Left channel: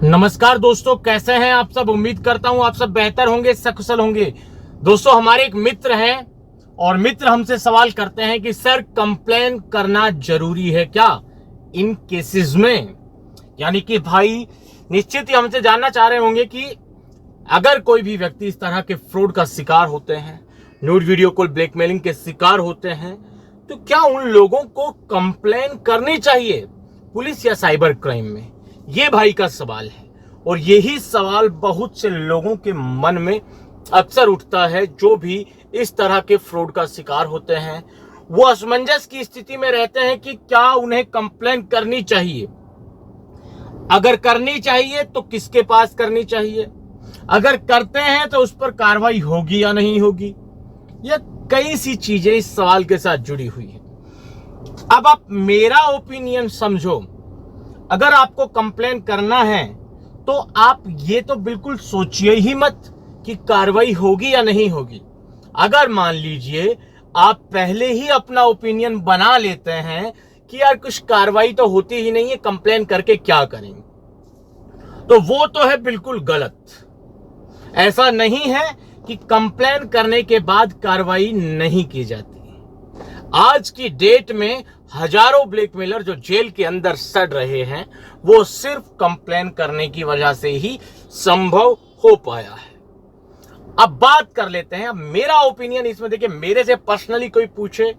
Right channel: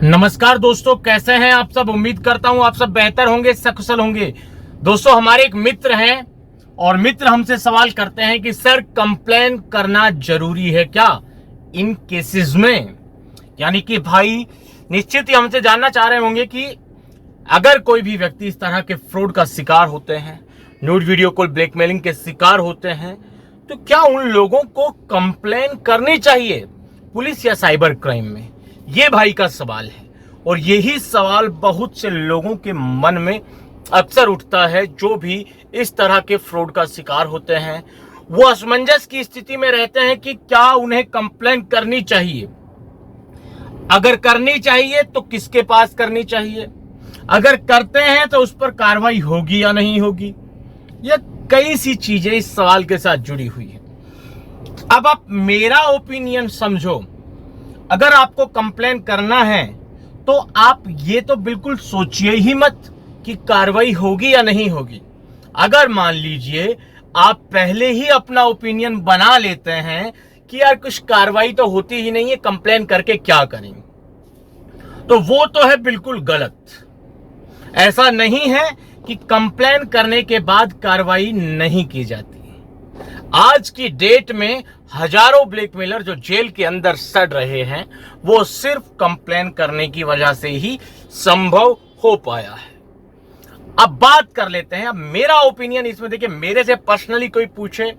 नमस्कार दोस्तों, कैसे हैं आप सब। उम्मीद करता हूं आप सब बेहतर होंगे, सकुशल होंगे। दोस्तों, हमारे एक मित्र हैं और मित्र हमसे सवाल करते हैं कि सर, कंप्लेन करना जरूरी है क्या इन केसेस में। यानी कि भाई, निश्चित ही हमसे जानना चाह रहे होंगे कि अगर कोई भी व्यक्ति इस तरह के फ्रॉड का शिकार होते हैं, न्यूड वीडियो कॉल ब्लैकमेलिंग के शिकार होते हैं, तो क्या उन लोगों को कंप्लेन करनी चाहिए पुलिस या साइबर क्राइम में। ये भाई का सवाल है और यही सवाल बहुत से लोगों के मन में अक्सर उठता है। जो भी इस तरह के फ्रॉड का शिकार होते हैं वो असमंजस की स्थिति में रहते हैं कि क्या उन्हें कंप्लेन करनी चाहिए, अगर करनी चाहिए तो किसके पास करनी चाहिए, अगर करते हैं तो उस पर कार्रवाई होगी या नहीं होगी। यह कई सी चीजें इस सवाल के साथ जुड़ी हुई है। अब आप मेरा ओपिनियन समझो। अगर आपको कंप्लेन करना है तो आप ये तो बिल्कुल सोचिए ही मत कि कार्रवाई होगी या नहीं होगी। अगर मान लीजिए आप पहले ही अपना ओपिनियन बना लेते हैं कि यार कुछ कार्रवाई तो होती ही नहीं है, कंप्लेन करके क्या करेंगे, तो वो तो है बिल्कुल गलत। ऐसा नहीं है कि कंप्लेन करने के बाद कार्रवाई नहीं की जाती। आज की डेट में हजारों ब्लैकमेलर जो जेल के अंदर सड़ रहे हैं वो सिर्फ कंप्लेन करने की वजह से ही संभव हो पाया है। अब बात कर लेते हैं। अब मेरा ओपिनियन इसमें देखिए, मेरे से पर्सनली कोई पूछे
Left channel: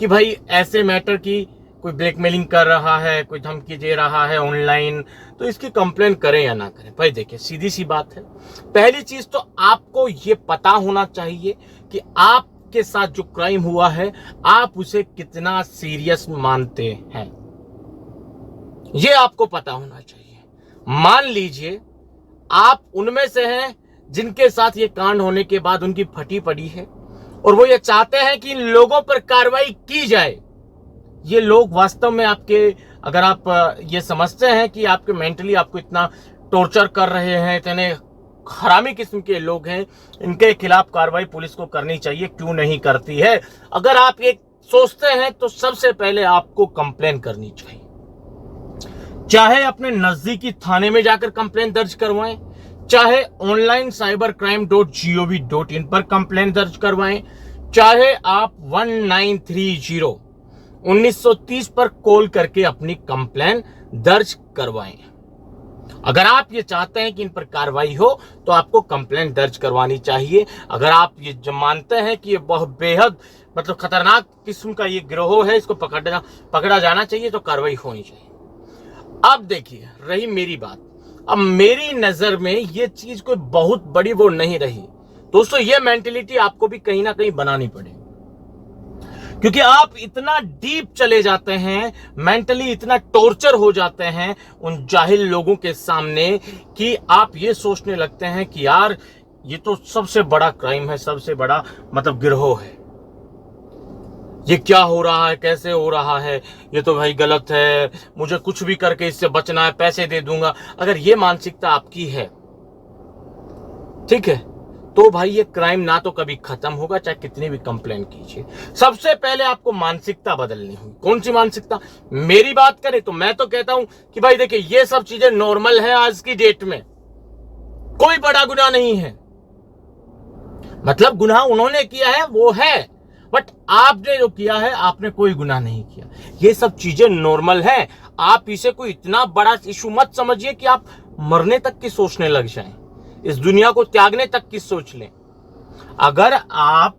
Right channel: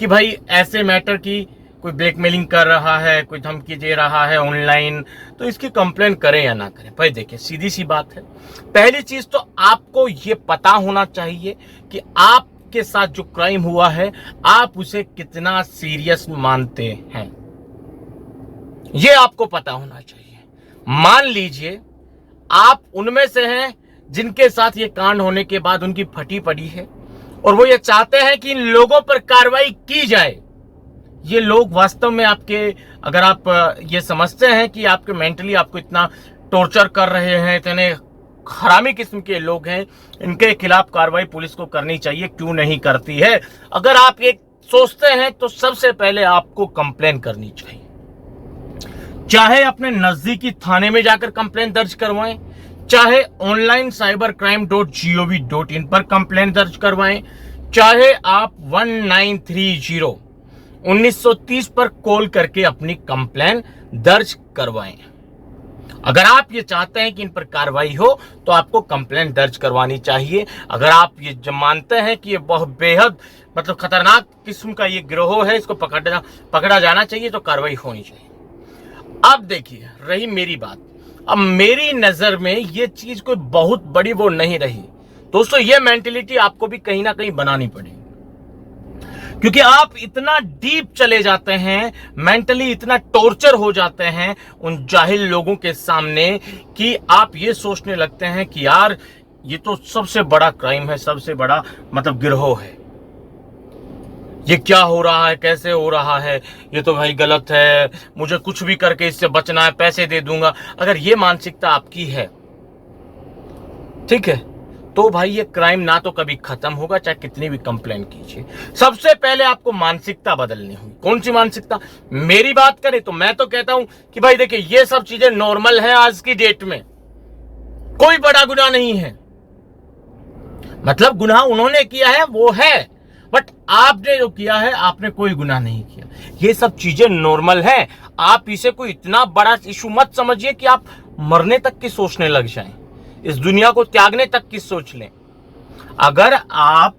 कि भाई ऐसे मैटर की कोई ब्लैकमेलिंग कर रहा है, कोई धमकी दे रहा है ऑनलाइन, तो इसकी कंप्लेन करें या ना करें। भाई देखिए, सीधी सी बात है। पहली चीज तो आपको ये पता होना चाहिए कि आप के साथ जो क्राइम हुआ है आप उसे कितना सीरियस मानते हैं, यह आपको पता होना चाहिए। मान लीजिए आप उनमें से हैं जिनके साथ ये कांड होने के बाद उनकी फटी पड़ी है और वो ये चाहते हैं कि इन लोगों पर कार्रवाई की जाए। ये लोग वास्तव में आपके, अगर आप ये समझते हैं कि आपके मेंटली आपको इतना टॉर्चर कर रहे हैं, इतने हरामी किस्म के लोग हैं, इनके खिलाफ कार्रवाई पुलिस को करनी चाहिए, क्यों नहीं करती है। अगर आप ये सोचते हैं तो सबसे पहले आपको कंप्लेन करनी चाहिए। चाहे अपने नजदीकी थाने में जाकर कंप्लेन दर्ज करवाएं, चाहे ऑनलाइन cybercrime.gov.in पर कंप्लेन दर्ज करवाएं, चाहे आप 1930 1930 पर कॉल करके अपनी कंप्लेन दर्ज करवाएं। अगर आप ये चाहते हैं कि इन पर कार्रवाई हो तो आपको कंप्लेन दर्ज करवानी चाहिए। अगर आप ये मानते हैं कि ये बहुत बेहद खतरनाक किस्म का ये गिरोह है, इसको पकड़ा जाना चाहिए, तो कार्रवाई होनी चाहिए। अब देखिए, रही मेरी बात। अब मेरी नजर में ये चीज कोई बहुत बड़ी वो नहीं रही। दोस्तों, ये मेंटेलिटी आपको भी कहीं ना कहीं बनानी पड़ेगी, क्योंकि आप इतना डीप चले जाते हैं, मेंटली इतना टॉर्चर हो जाते हैं उन जाहिल लोगों के सामने कि आप ये सोचने लगते हैं कि यार ये तो सबसे बड़ा क्राइम है, सबसे बड़ा गिरोह है, ये क्या हो रहा है, कैसे हो रहा है, ये तो भाई गलत है, मुझे कुछ भी करके इससे बचना है, पैसे दे दूंगा। अगर ये मानसिकता आपकी है, ठीक है, तो भाई ये क्राइम ना तो कभी खत्म होगा, चाहे कितनी भी कंप्लेन कीजिए। सबसे पहले आपको मानसिकता बदलनी होगी। कौन सी मानसिकता? मेरी बात करें तो मैं तो कहता हूं कि भाई देखिए, ये सब चीजें नॉर्मल हैं आज की डेट में, कोई बड़ा गुनाह नहीं है। गुनाह उन्होंने किया है वो है, बट आपने जो किया है आपने कोई गुनाह नहीं किया। ये सब चीजें नॉर्मल हैं। आप इसे कोई इतना बड़ा इशू मत समझिए कि आप मरने तक की सोचने लग जाएं, इस दुनिया को त्यागने तक की सोच लें। अगर आप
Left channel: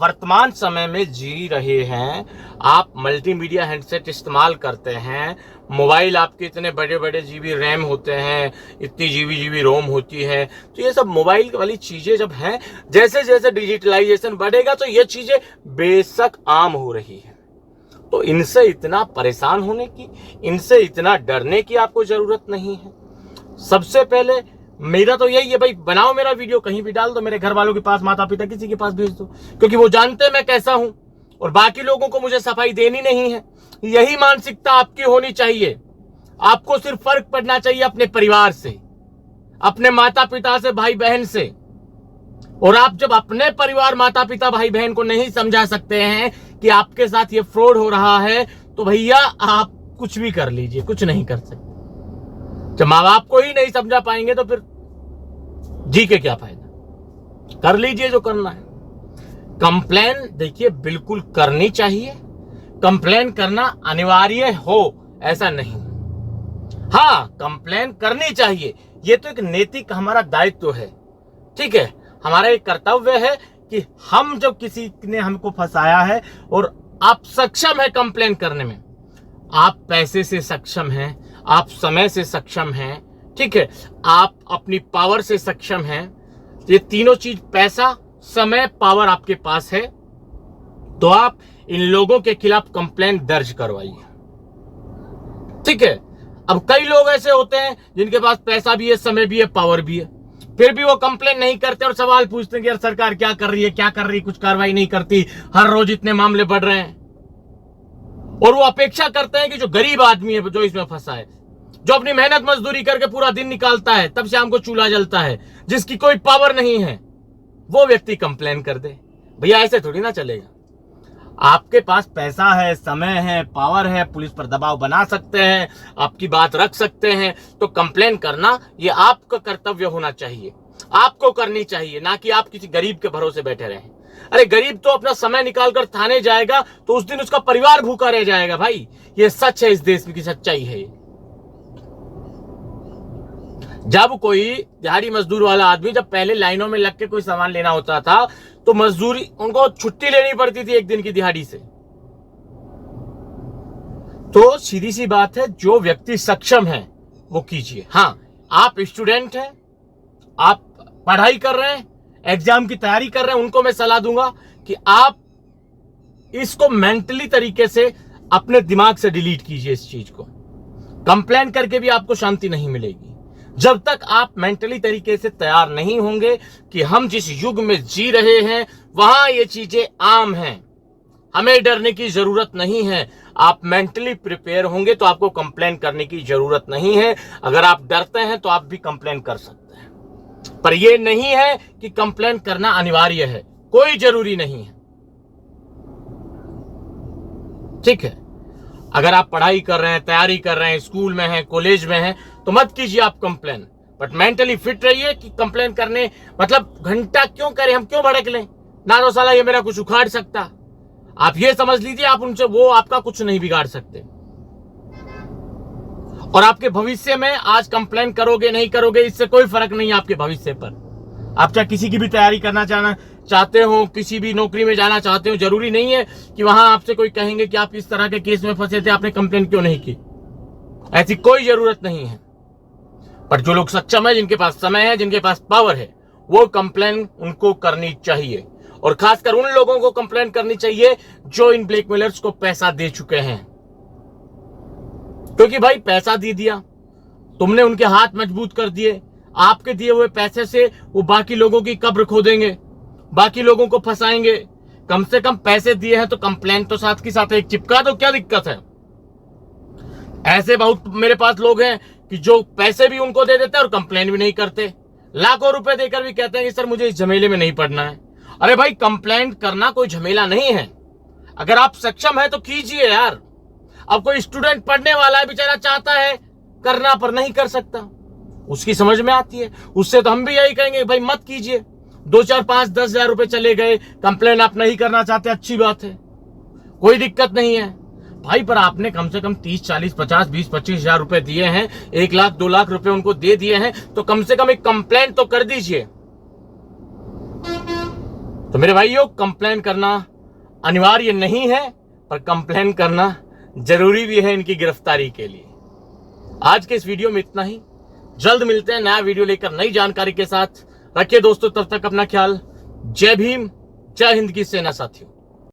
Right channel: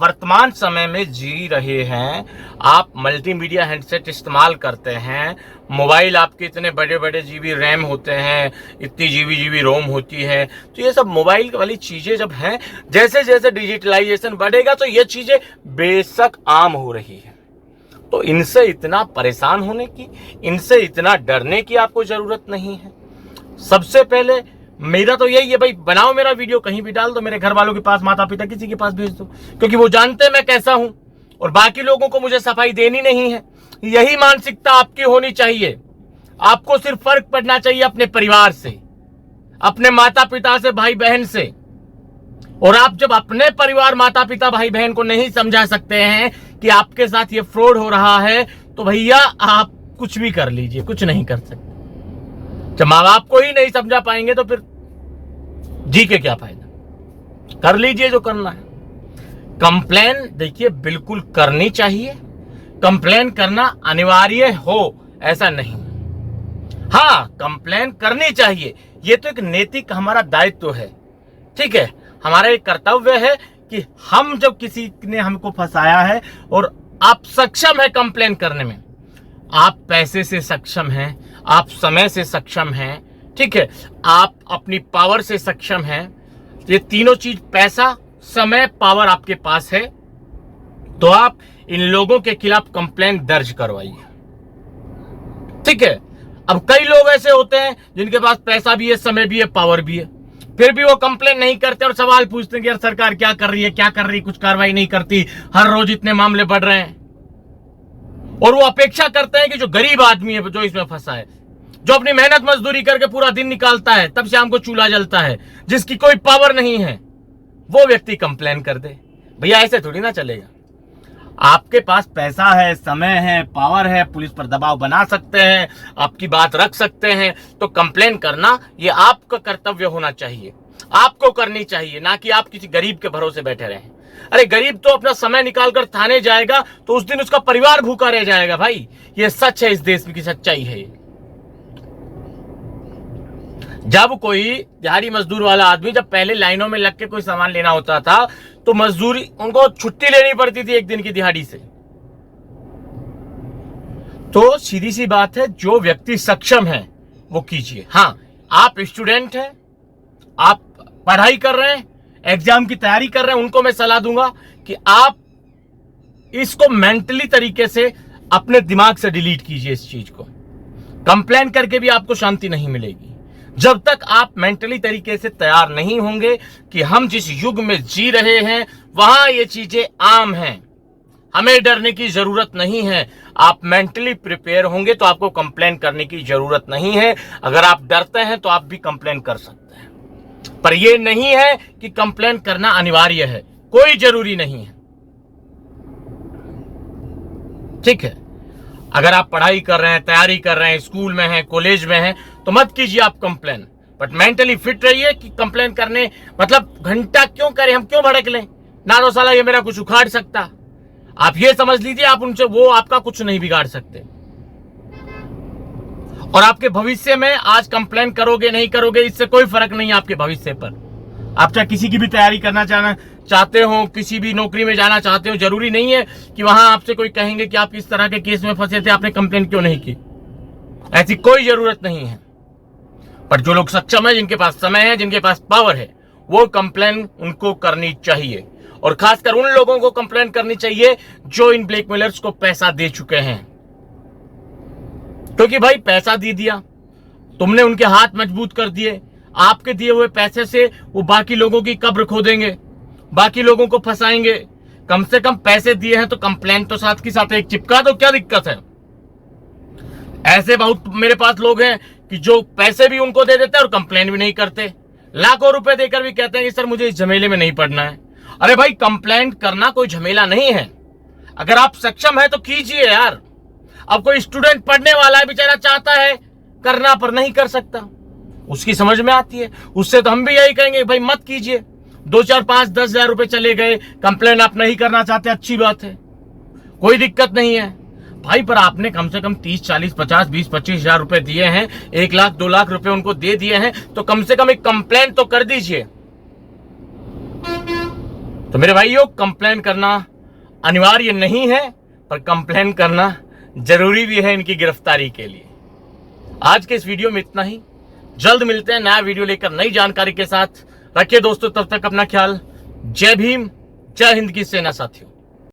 वर्तमान समय में जी रहे हैं, आप मल्टीमीडिया हैंडसेट इस्तेमाल करते हैं, मोबाइल आपके इतने बड़े बड़े जीबी रैम होते हैं, इतनी जीबी रोम होती है, तो ये सब मोबाइल वाली चीजें जब हैं, जैसे जैसे डिजिटलाइजेशन बढ़ेगा तो ये चीजें बेशक आम हो रही है। तो इनसे इतना परेशान होने की, इनसे इतना डरने की आपको जरूरत नहीं है। सबसे पहले मेरा तो यही है, भाई बनाओ मेरा वीडियो, कहीं भी डाल दो, मेरे घर वालों के पास, माता पिता किसी के पास भेज दो, क्योंकि वो जानते हैं मैं कैसा हूं और बाकी लोगों को मुझे सफाई देनी नहीं है। यही मानसिकता आपकी होनी चाहिए। आपको सिर्फ फर्क पड़ना चाहिए अपने परिवार से, अपने माता पिता से, भाई बहन से। और आप जब अपने परिवार, माता पिता, भाई बहन को नहीं समझा सकते हैं कि आपके साथ ये फ्रॉड हो रहा है, तो भैया आप कुछ भी कर लीजिए, कुछ नहीं कर सकते। जब माँ बाप को ही नहीं समझा पाएंगे तो फिर जी के क्या फायदा। कर लीजिए जो करना है। कंप्लेन देखिए बिल्कुल करनी चाहिए, कंप्लेन करना अनिवार्य हो ऐसा नहीं। हाँ, कंप्लेन करनी चाहिए, ये तो एक नैतिक हमारा दायित्व है, ठीक है। हमारा एक कर्तव्य है कि हम जब किसी ने हमको फंसाया है और आप सक्षम है कंप्लेन करने में, आप पैसे से सक्षम हैं, आप समय से सक्षम हैं, ठीक है, आप अपनी पावर से सक्षम हैं, ये तीनों चीज पैसा, समय, पावर आपके पास है, तो आप इन लोगों के खिलाफ कंप्लेन दर्ज करवाइए, ठीक है। अब कई लोग ऐसे होते हैं जिनके पास पैसा भी है, समय भी है, पावर भी है, फिर भी वो कंप्लेन नहीं करते और सवाल पूछते हैं कि यार सरकार क्या कर रही है, क्या कर रही है, कुछ कार्रवाई नहीं करती, हर रोज इतने मामले बढ़ रहे हैं। और वो अपेक्षा करते हैं कि जो गरीब आदमी है, जो इसमें फंसा है, जो अपनी मेहनत मजदूरी करके पूरा दिन निकालता है, तब शाम को चूल्हा जलता है, जिसकी कोई पावर नहीं है, वो व्यक्ति कंप्लेन कर दे। भैया ऐसे थोड़ी ना चलेगा। आपके पास पैसा है, समय है, पावर है, पुलिस पर दबाव बना सकते हैं, आपकी बात रख सकते हैं, तो कंप्लेन करना ये आपका कर्तव्य होना चाहिए, आपको करनी चाहिए, ना कि आप किसी गरीब के भरोसे बैठे रहें। अरे गरीब तो अपना समय निकालकर थाने जाएगा तो उस दिन उसका परिवार भूखा रह जाएगा भाई, ये सच है, इस देश की सच्चाई है। जब कोई दिहाड़ी मजदूर वाला आदमी जब पहले लाइनों में लग के कोई सामान लेना होता था तो मजदूरी उनको छुट्टी लेनी पड़ती थी एक दिन की दिहाड़ी से। तो सीधी सी बात है, जो व्यक्ति सक्षम है वो कीजिए। हाँ, आप स्टूडेंट हैं, आप पढ़ाई कर रहे हैं, एग्जाम की तैयारी कर रहे हैं, उनको मैं सलाह दूंगा कि आप इसको मेंटली तरीके से अपने दिमाग से डिलीट कीजिए। इस चीज को कंप्लेन करके भी आपको शांति नहीं मिलेगी जब तक आप मेंटली तरीके से तैयार नहीं होंगे कि हम जिस युग में जी रहे हैं वहां ये चीजें आम हैं, हमें डरने की जरूरत नहीं है। आप मेंटली प्रिपेयर होंगे तो आपको कंप्लेन करने की जरूरत नहीं है। अगर आप डरते हैं तो आप भी कंप्लेन कर सकते हैं, पर यह नहीं है कि कंप्लेन करना अनिवार्य है, कोई जरूरी नहीं है, ठीक है। अगर आप पढ़ाई कर रहे हैं, तैयारी कर रहे हैं, स्कूल में हैं, कॉलेज में हैं, तो मत कीजिए आप कंप्लेन, बट मेंटली फिट रहिए कि कंप्लेन करने मतलब घंटा क्यों करें, हम क्यों भड़क लें, ना तो साला ये मेरा कुछ उखाड़ सकता। आप ये समझ लीजिए आप उनसे, वो आपका कुछ नहीं बिगाड़ सकते। और आपके भविष्य में आज कंप्लेन करोगे नहीं करोगे इससे कोई फर्क नहीं है आपके भविष्य पर। आप चाहे किसी की भी तैयारी करना चाहते हो, किसी भी नौकरी में जाना चाहते हो, जरूरी नहीं है कि वहां आपसे कोई कहेंगे कि आप इस तरह के केस में फंसे थे, आपने कंप्लेन क्यों नहीं की, ऐसी कोई जरूरत नहीं है। पर जो लोग सक्षम है, जिनके पास समय है, जिनके पास पावर है, वो कंप्लेन उनको करनी चाहिए। और खासकर उन लोगों को कंप्लेन करनी चाहिए जो इन ब्लैकमेलर्स को पैसा दे चुके हैं, क्योंकि भाई पैसा दे दिया तुमने, उनके हाथ मजबूत कर दिए, आपके दिए हुए पैसे से वो बाकी लोगों की कब्र खोदेंगे, बाकी लोगों को फंसाएंगे। कम से कम पैसे दिए हैं तो कंप्लेन तो साथ के साथ एक चिपका दो, क्या दिक्कत है। ऐसे बहुत मेरे पास लोग हैं कि जो पैसे भी उनको दे देते हैं और कंप्लेन भी नहीं करते, लाखों रुपए देकर भी कहते हैं कि सर मुझे इस झमेले में नहीं पड़ना है। अरे भाई, कंप्लेन करना कोई झमेला नहीं है, अगर आप सक्षम है तो कीजिए यार। अब कोई स्टूडेंट पढ़ने वाला है, बेचारा चाहता है करना पर नहीं कर सकता, उसकी समझ में आती है, उससे तो हम भी यही कहेंगे भाई मत कीजिए। 2, 4, 5, 10 हजार रुपए चले गए, कंप्लेन आप नहीं करना चाहते, अच्छी बात है, कोई दिक्कत नहीं है भाई। पर आपने कम से कम 30, 40, 50, 20, 25 हजार रुपए दिए हैं, 1 लाख 2 लाख रुपए उनको दे दिए हैं, तो कम से कम एक कंप्लेन तो कर दीजिए। तो मेरे भाइयों, कंप्लेन करना अनिवार्य नहीं है, पर कंप्लेन करना जरूरी भी है इनकी गिरफ्तारी के लिए। आज के इस वीडियो में इतना ही, जल्द मिलते हैं नया वीडियो लेकर नई जानकारी के साथ। रखिए दोस्तों, तब तक अपना ख्याल। जय भीम, जय हिंद की सेना साथियों।